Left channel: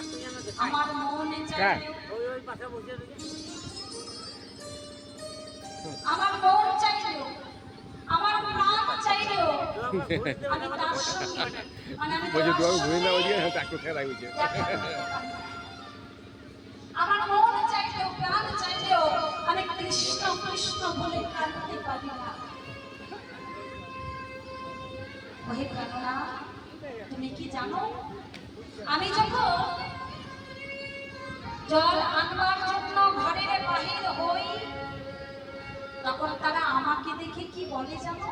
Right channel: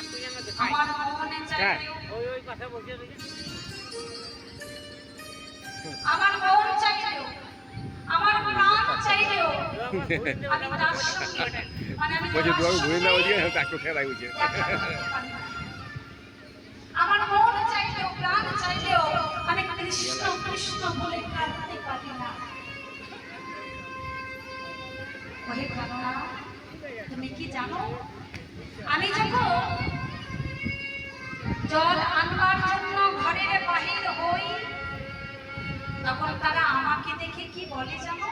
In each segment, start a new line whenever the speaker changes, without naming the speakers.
আমার মনে? চাইলেও আমার মন প্রাণ চাইলেও আমি তার সঙ্গে
বলছে
তোমার
ঘুরে না ওদিকে তাকে খেলা
না। আমার মন চাইলেও প্রাণ চাইলেও আমি কৃষ্ণ কৃষ্ণ বলে কাঁদতে পারি না ওহে প্রাণনা তুমি কি জানো আমি যখন জল আনবার জন্য ঘরের বাহির হই তখন তারা আমাকে দেখে কি বলে জানো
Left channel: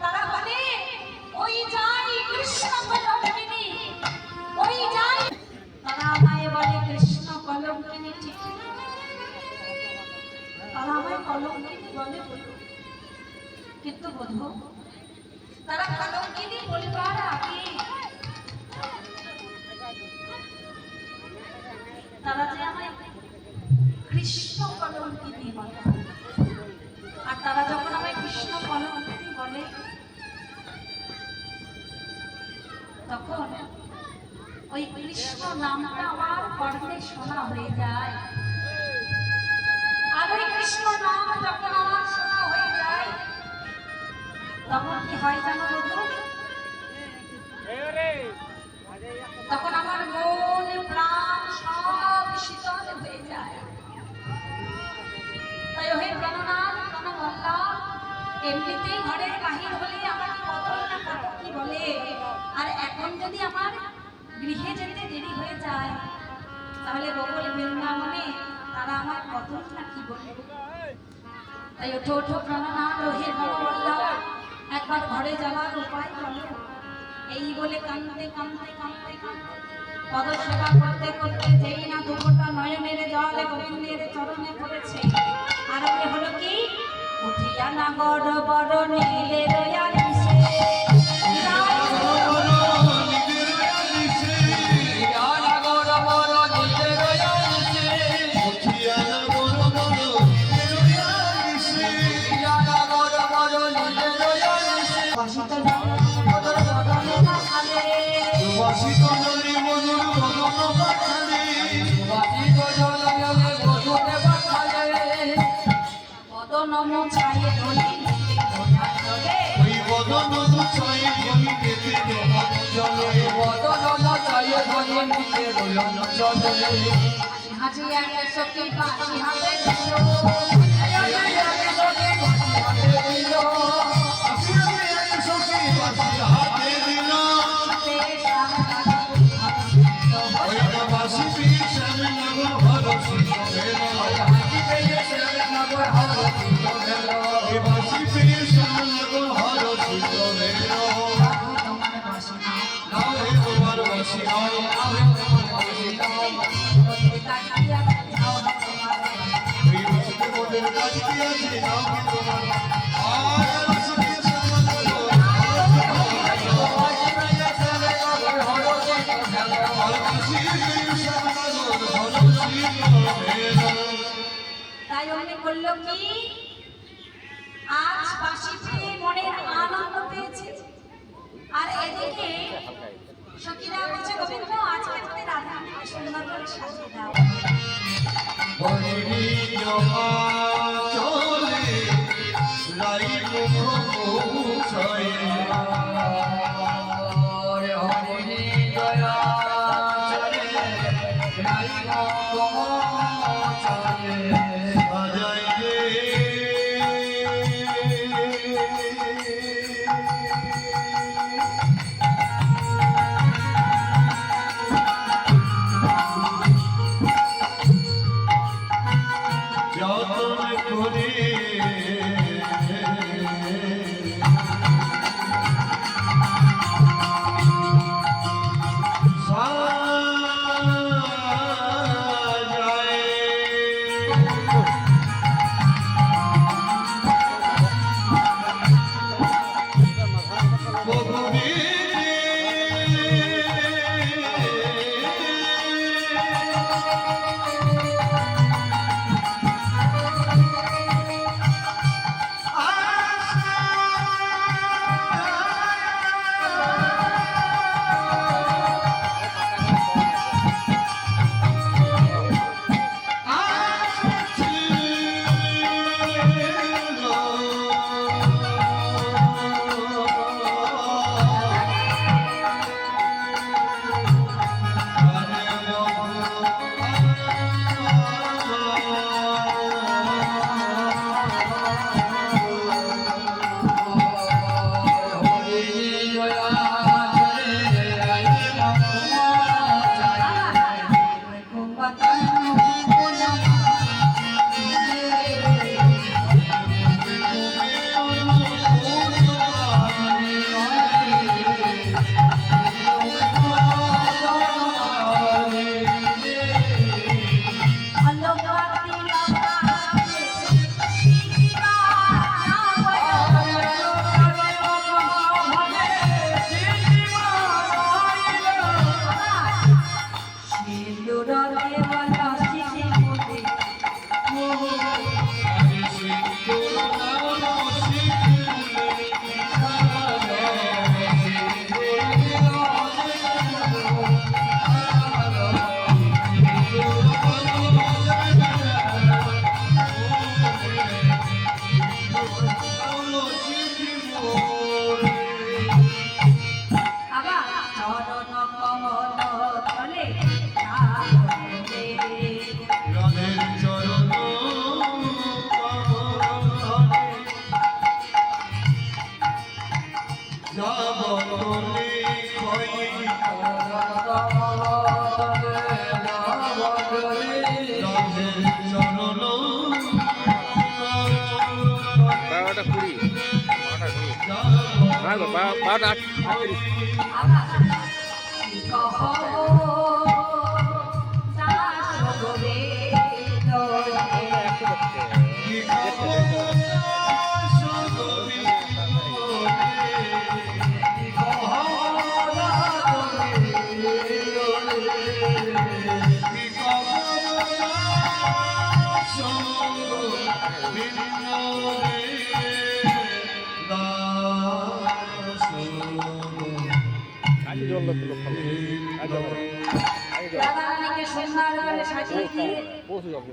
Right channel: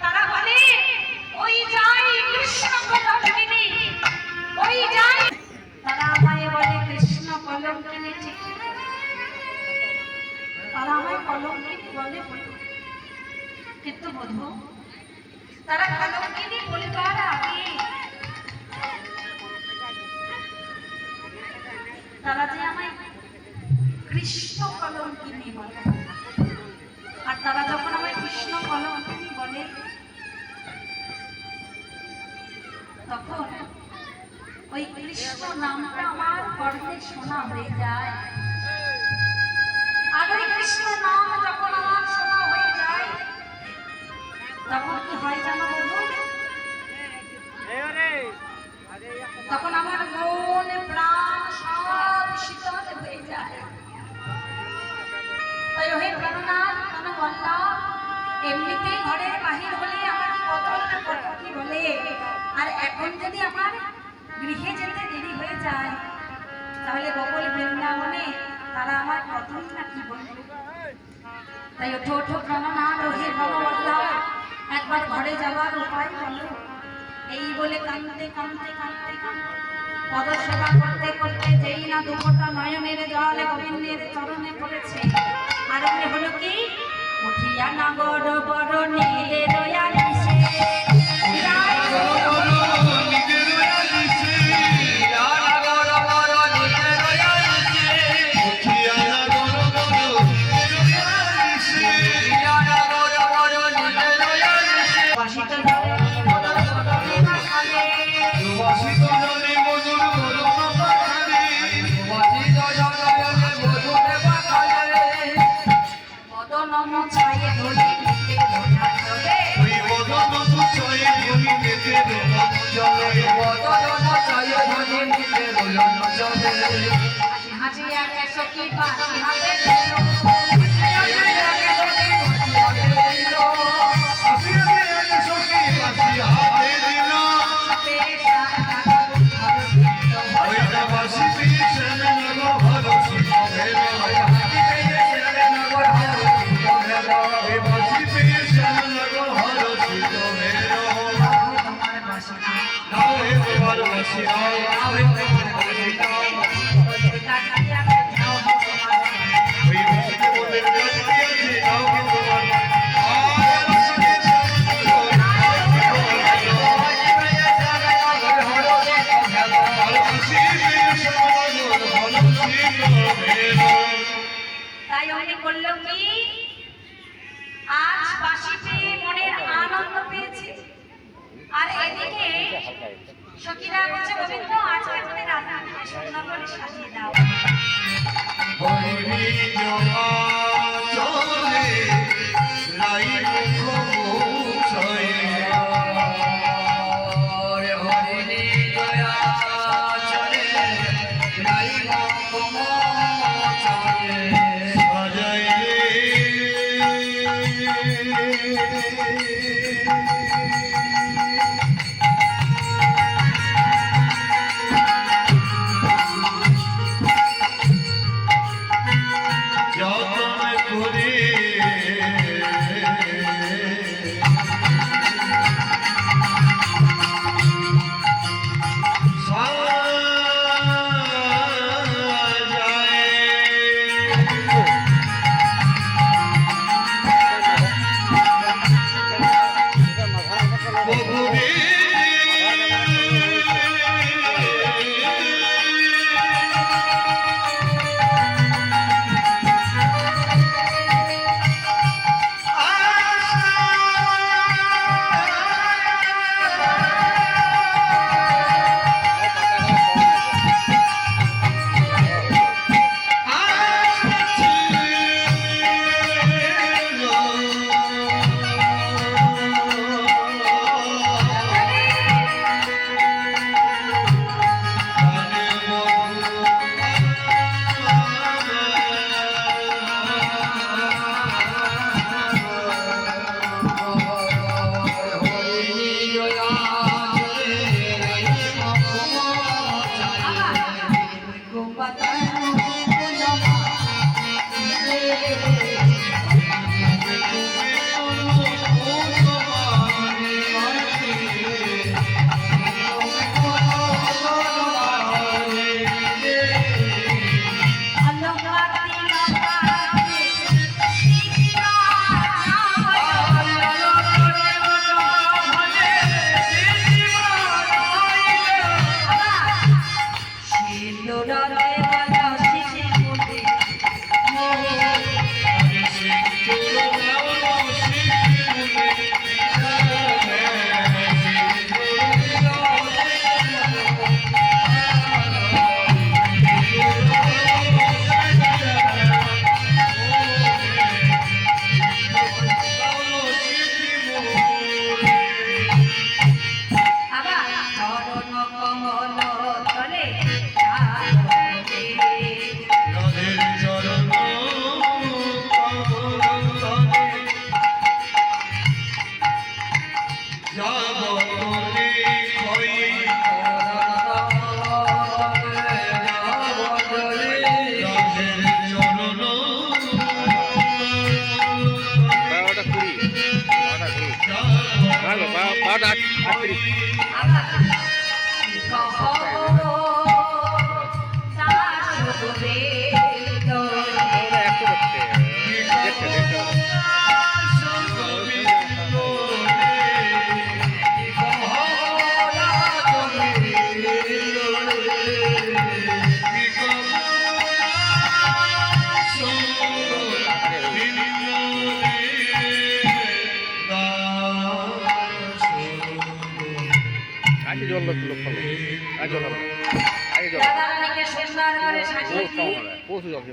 তারা বলে, ওই যাই কৃষ্ণ কলঙ্কিনী, ওই যাই তারা আমায় বলে, কৃষ্ণ কলঙ্কিনী ঠিক? তারা আমায় কলঙ্কিনী বলে। কিন্তু বধু তারা কলঙ্কিনী বলিবার আগে নামটা আমার শোনা হয়ে যায়। আর কৃষ্ণ নাম যখন আমার শোনা হয়ে যায়, তখন কি হয় জানো বন্ধু? তখন আমার মন, প্রাণ সব শীতল হয়ে যায়। তাই ওহে প্রাণনাথ প্রাণবল্লভ এমনিতে ঘরের বাহির হলে আমার কত কত কি বলে? আর এখন যদি আমার গৃহে যেতে দেরি হয়ে যায়। তাহলে বকল বৃন্দাবনে তারা আমার কতই না কি বলে তাই ওঠো ওঠো একবার ঘরে যাওয়ার উপায় বলো। এই বলে কাঁদতে কাঁদতে কাঁদতে, পদসেবা করতে করতে যেই না দুপুরটা নয়নের জল গোবিন্দের চরণে পড়েছে। আর হলো কি? উঠিয়া না বড় বড় নীলে চলে হাসি হাসি একটা সখী বাসি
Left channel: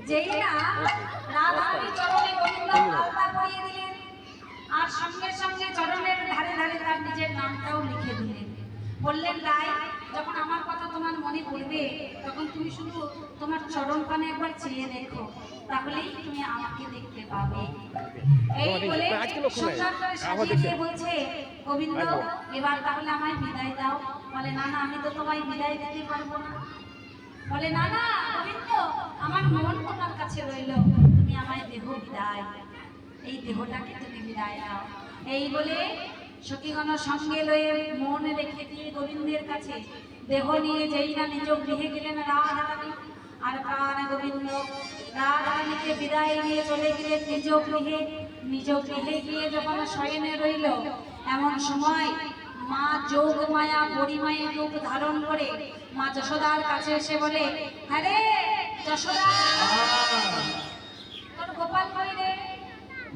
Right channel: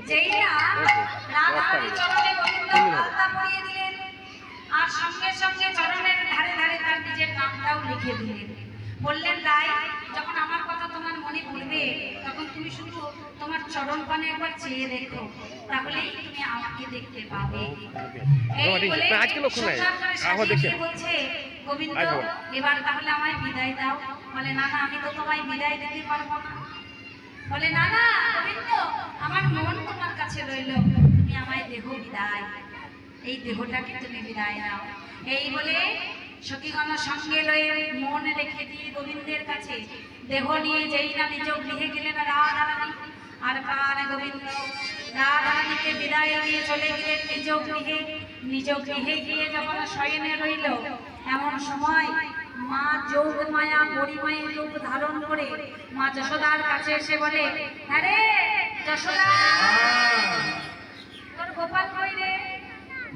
যেই না রাধারানী চরণে গোবিন্দ দিলেন। আর সঙ্গে সঙ্গে চরণের ধারে ধারে তার নিজের নামটাও লিখে দিলেন। বললেন তাই যখন আমার কথা তোমার মনে পড়বে তখন তুমি শুধু তোমার চরণ পানে একবার চেয়ে দেখো। তাহলেই তুমি আমাকে দেখতে পাবে।
আজকে লক্ষ্য নাই।
বলছে গোবিন্দ এবার তাহলে আমায় বিদায় দাও। বলে না না আমি তো তোমায় বিদায় দিতে পারব না। বলে না না গোবিন্দ আমার মন তোমার কাছে রইল। তুমি আমায় দেহ বিদায়, এই দেহটাকে তুমি বিদায় নাও। এই বলে সখীগণ সঙ্গে লয়ে মন রেখে দিয়ে গোবিন্দের কাছে দেহ নিয়ে যেই না নিজ গৃহে গেলেন রাধারানী। আর প্রাণ গোবিন্দ রাধারানীকে বিদায় নিয়ে চলে গেলেন নিজ গৃহে নিজ গৃহে গিয়ে যখন শয়নে রইল, এমন সময় মা যোগ মায়া পরিমায়ে রূপ ধারণ করে মা যশোদার কাছে এসে বলে হ্যাঁ রে যশোদা তোর গোপাল কই রে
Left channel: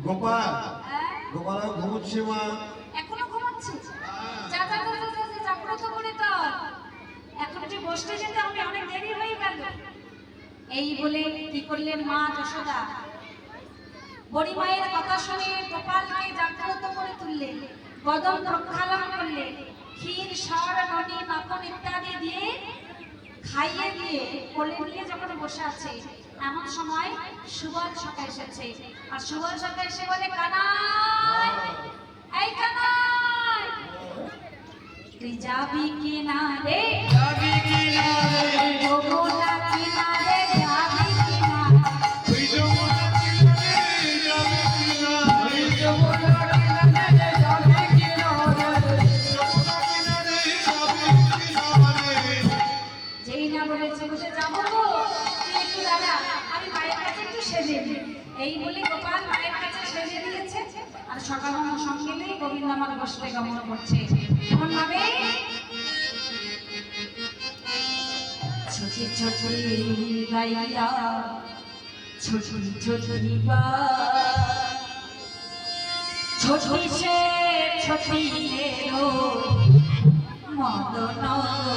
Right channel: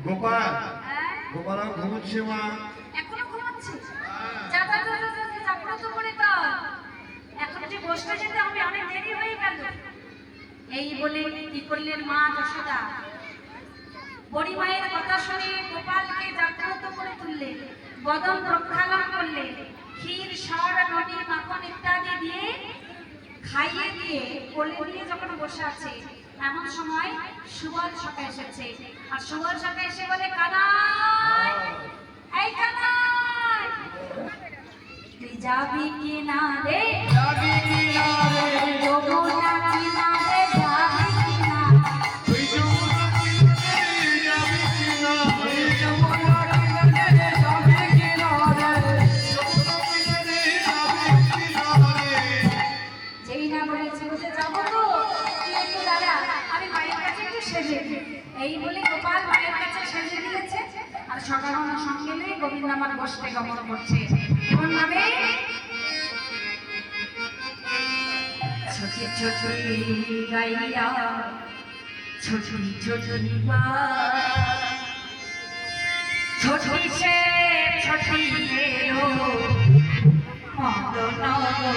গোপাল
হ্যাঁ?
গোপাল ঘুমোচ্ছে মা
এখনও ঘুমাচ্ছে যা যা যা যা, যা, জাগ্রত করে তোর এখন তুই বসতে যেতে হবে অনেক দেরি হয়ে গেল এই বলে কি করলেন মা যশোদা বড়ি মায়ের কথা শুনে গোপালকে জাগ্রত করে তুললেন বদন প্রক্ষালন করলে ক্ষীর সর নদী মাখন ইত্যাদি দিয়ে খাইয়ে দিয়ে কোলে নিয়ে যখন বসে আছে এমন সময় সুবল সকা এসেছে আর সুবল সকা এসে বলে কানাই এই কানাই তুই যাবি কি না রে
যাবি কি না রে?
সেজে এই বলে গোপাল মায়ের কাছে সেজে দিয়েছে। আর সকাল সঙ্গে নিয়ে গোবিন্দ আমার বসতে গমন করছে। এমন ভাবে ছোটি ছোটি গাইয়া বা সে মদন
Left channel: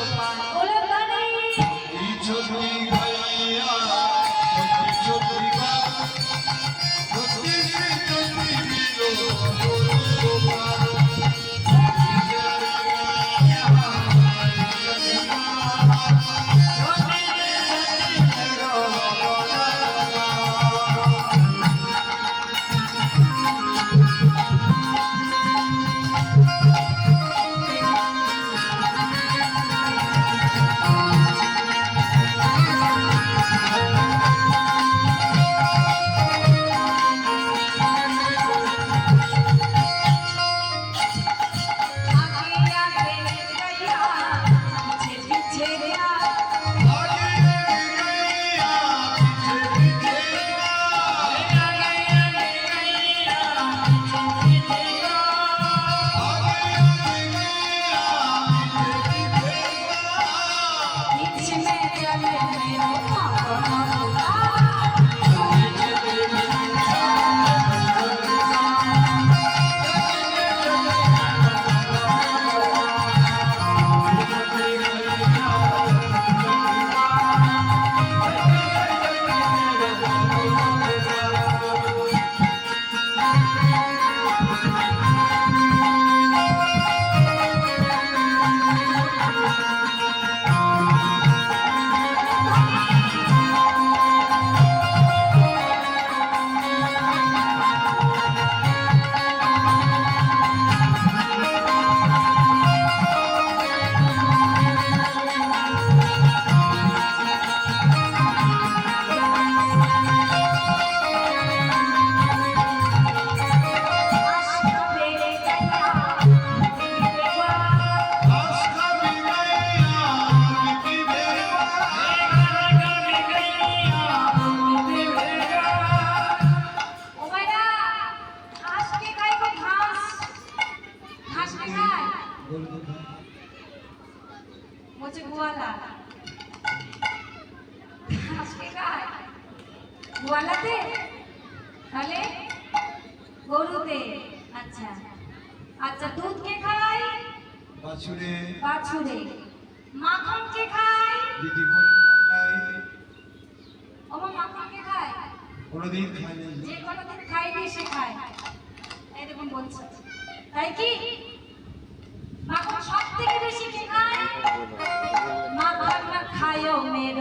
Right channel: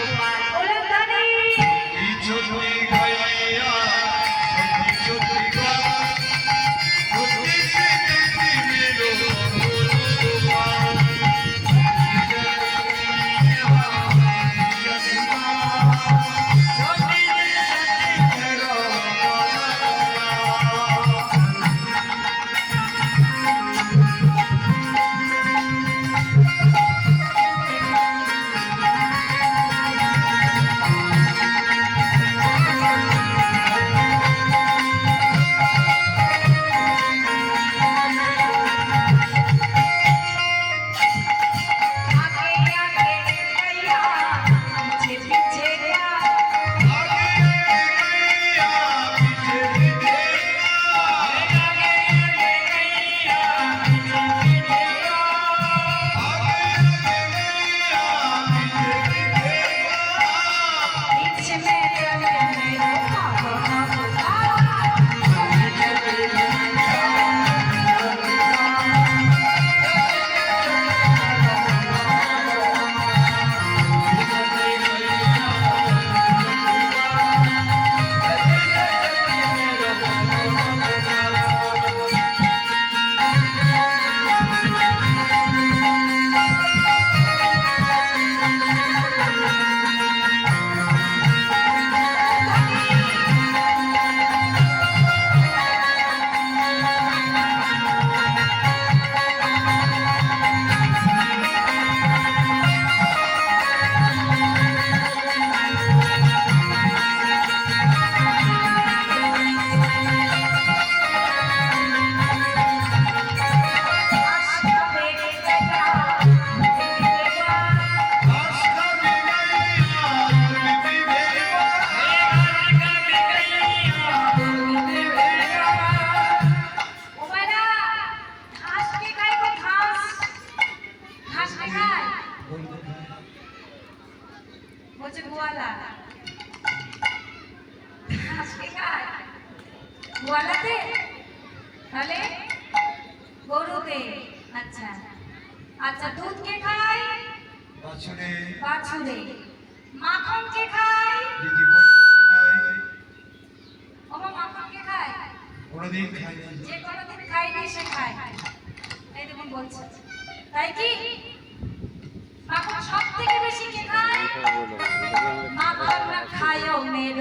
มาเบิ้งนัาไทยโยมเมโด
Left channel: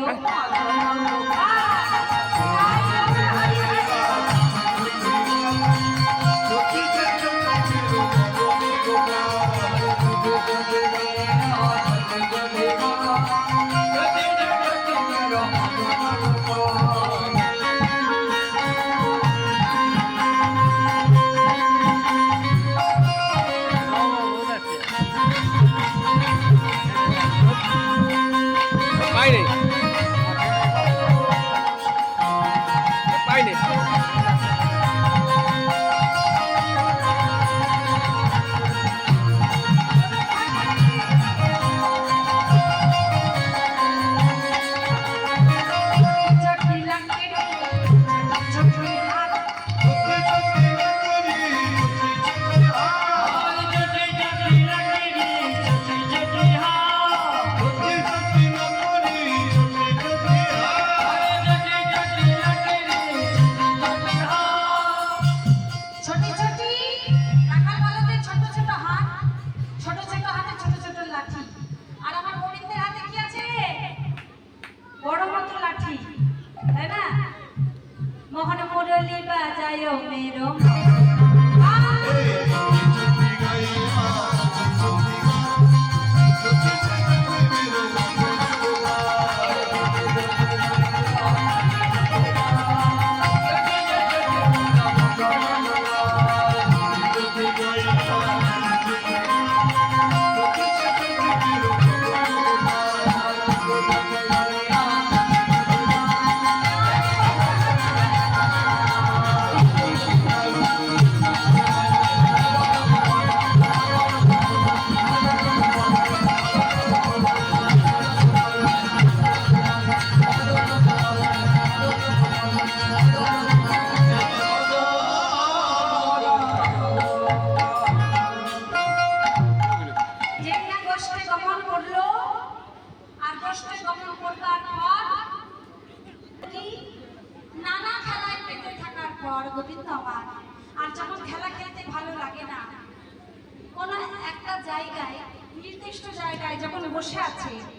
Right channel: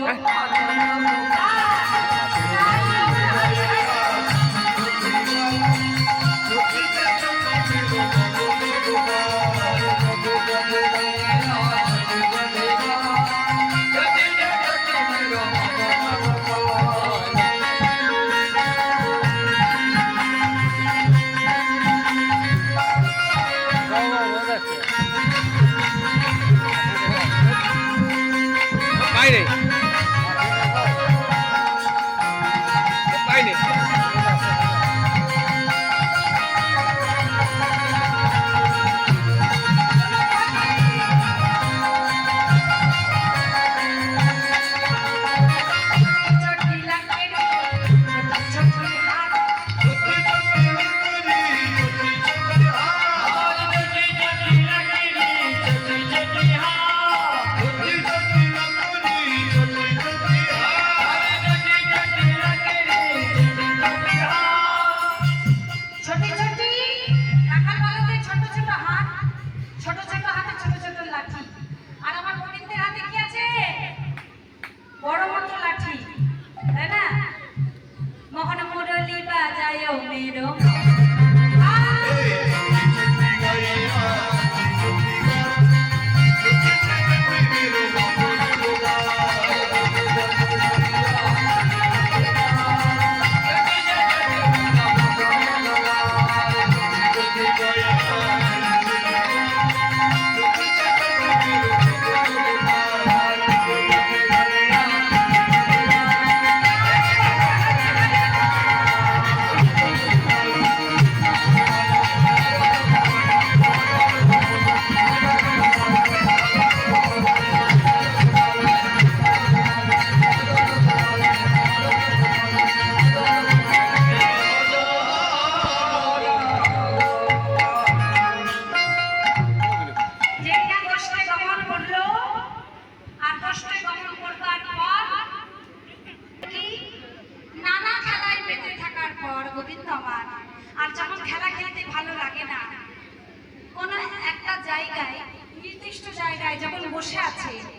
আছে।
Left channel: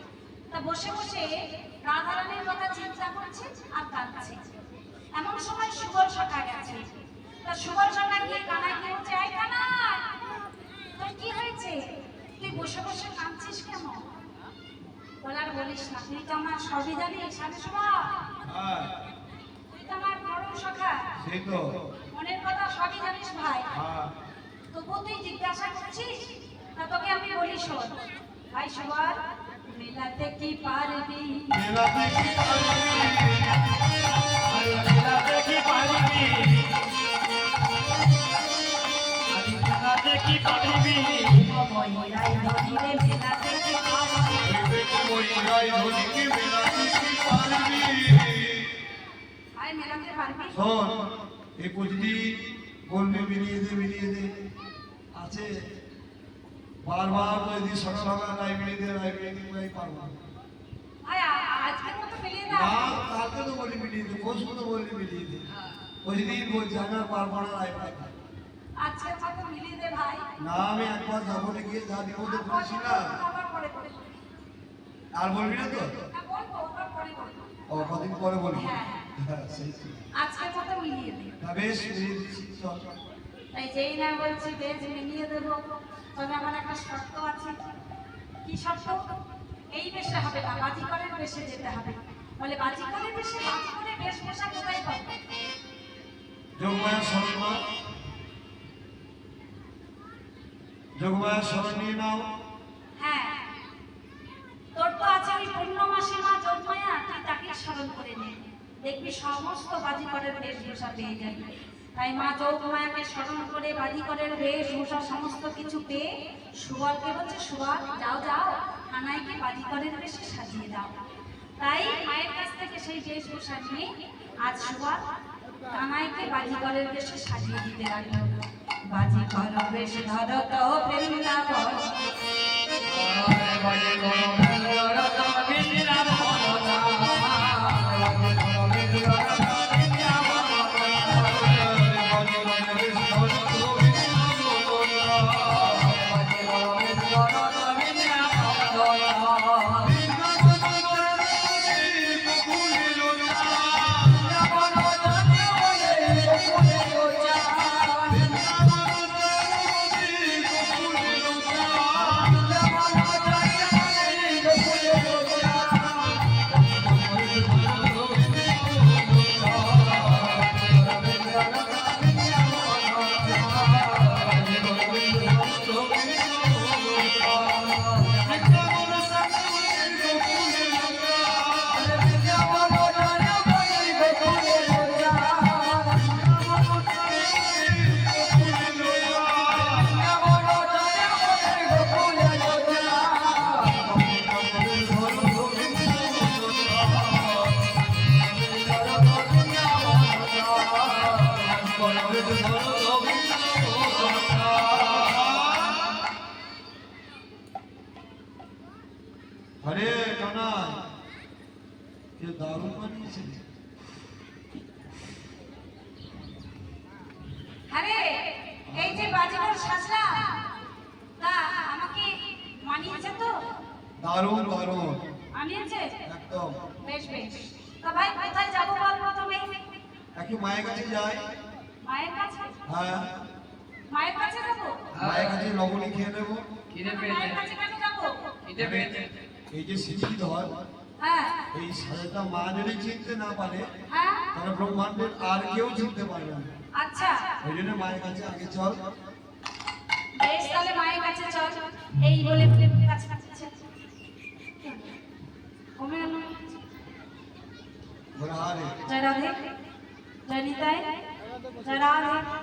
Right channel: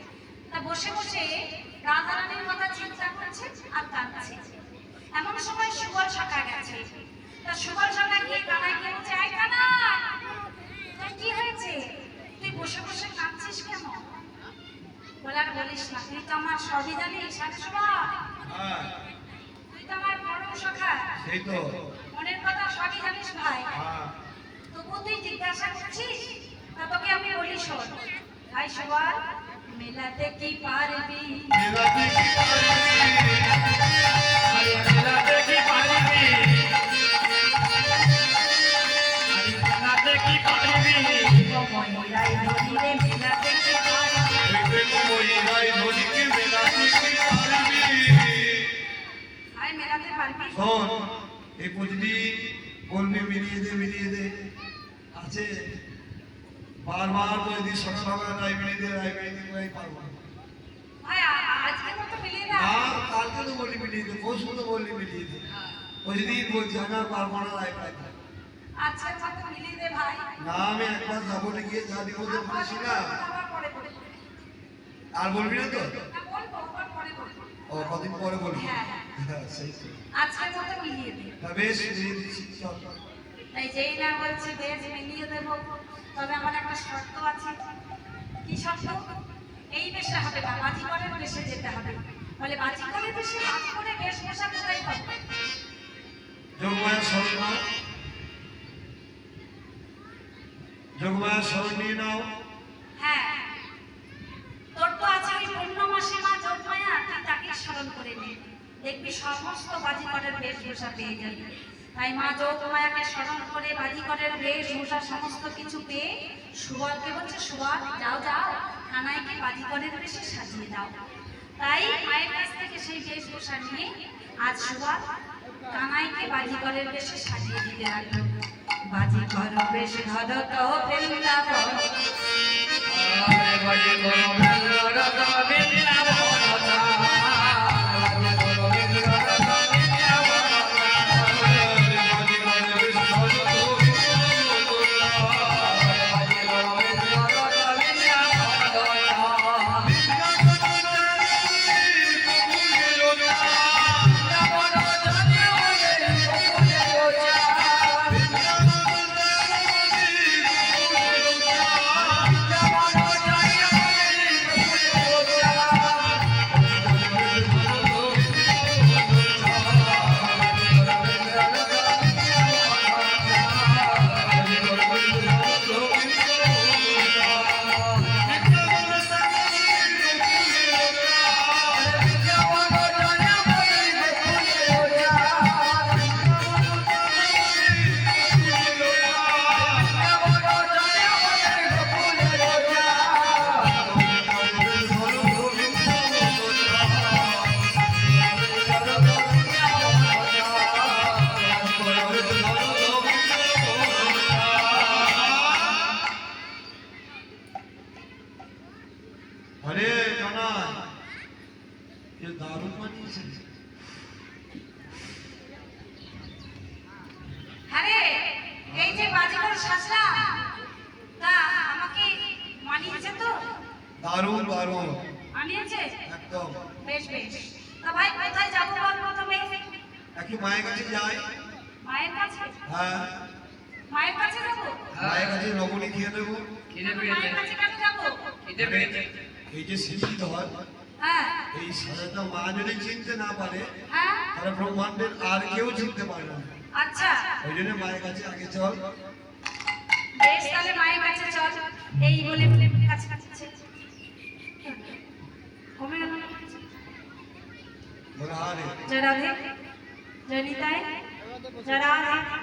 তা বসে বসে রাধারানীর কথা চিন্তা করছে আর কাঁদছে। এমন সময় সুগর সখা গেছে। তা সুগর সখা গিয়ে কানায় গিয়ে বলছে কানা তোর কি হয়েছে? তুই বসে বসে কাঁদছিস কেন? বলে আর বলিস না তুই তো আমার সবই জানিস আরে তুই তো আমার পরম সখা। মনের কথা সবই জানিস ভাই।
হ্যাঁ।
তবুও তুই জিজ্ঞাসা করছিস? তা তোকে আমি বলি শোন। ভাই সবার মেলাতে কি পারবি
মেলাতে কি
মহিলাই
বারবার বলছি সকাল সকাল রায় মিলিয়ে দে রায় পারব না। কালকে তো বলি মিলিয়ে দে পরশু তো বললি মিলিয়ে দে বুঝলি বলছি আমি আর পারব না
ভাই।
না আমি একবার যাব না গিয়ে যা নিবেদন করেছি না। আর বলবি না তো?
হ্যাঁ,
ও কদিন পরে বলবি?
হ্যাঁ।
হ্যাঁ। বেশ মিলিয়ে দিচ্ছি চল।
তাই যেই না বলছি বেশ মিলিয়ে দেবো। তবে আমার একটা শর্ত আছে। কি শর্ত? এই বেশে হবে না বাজিকরের বেশে যেতে হবে। বলে বাজিকরের বেশে বাজি করে বেশ বেশা কোথায় পাবো?
নিয়ে নাও।
হ্যাঁ। তোর তো আছে ওই পূর্ণমাসী মা জন্মায়া তুই তাকে স্মরণ করে নে। দেখবি সমস্ত বাজিকরের বেশভূষা পেয়ে যাবি। তাই মা যোগমায়াকে স্মরণ করে বাজিকরের বেশভূষা সমস্ত কিছু পেয়ে সুবলকে বলছে, সুবল, যাও যাও কানাইকে বাজিকরের বেশে সাজিয়ে দাও। তাই মায়ের কাছ থেকে সেই বেশভূষা নিয়ে আজ সুবল
কানাইকে বাজিগরের বেশে সাজিয়ে দিতে বাজি কর বেশ ধর তো বৃন্দাবন
একদম।
বেশ বেশ। তা ভাই কোথায় যাব বল প্রথমে?
একই মায়ের কাছে যাই।
মায়ের কাছে?
হ্যাঁ।
মায়ের কাছে যাব?
মায়ের কাছে লবণী খেয়ে নেব।
মায়ের কাছে কেন যাব?
এই যে সিদ্ধি ধর
হ্যাঁ।
এই সাজাটা মা যদি চিনতে না পারে
হ্যাঁ।
তাহলে ব্রহ্মাণ্ডের আর কেউ চিনতে পারবে না।
আচ্ছা।
ওই জন্য মায়ের কাছে আগে চল।
বেশ তাহলে মায়ের কাছে চল। এই বলে বলে কাছে जय राधे जय निताय जरा रे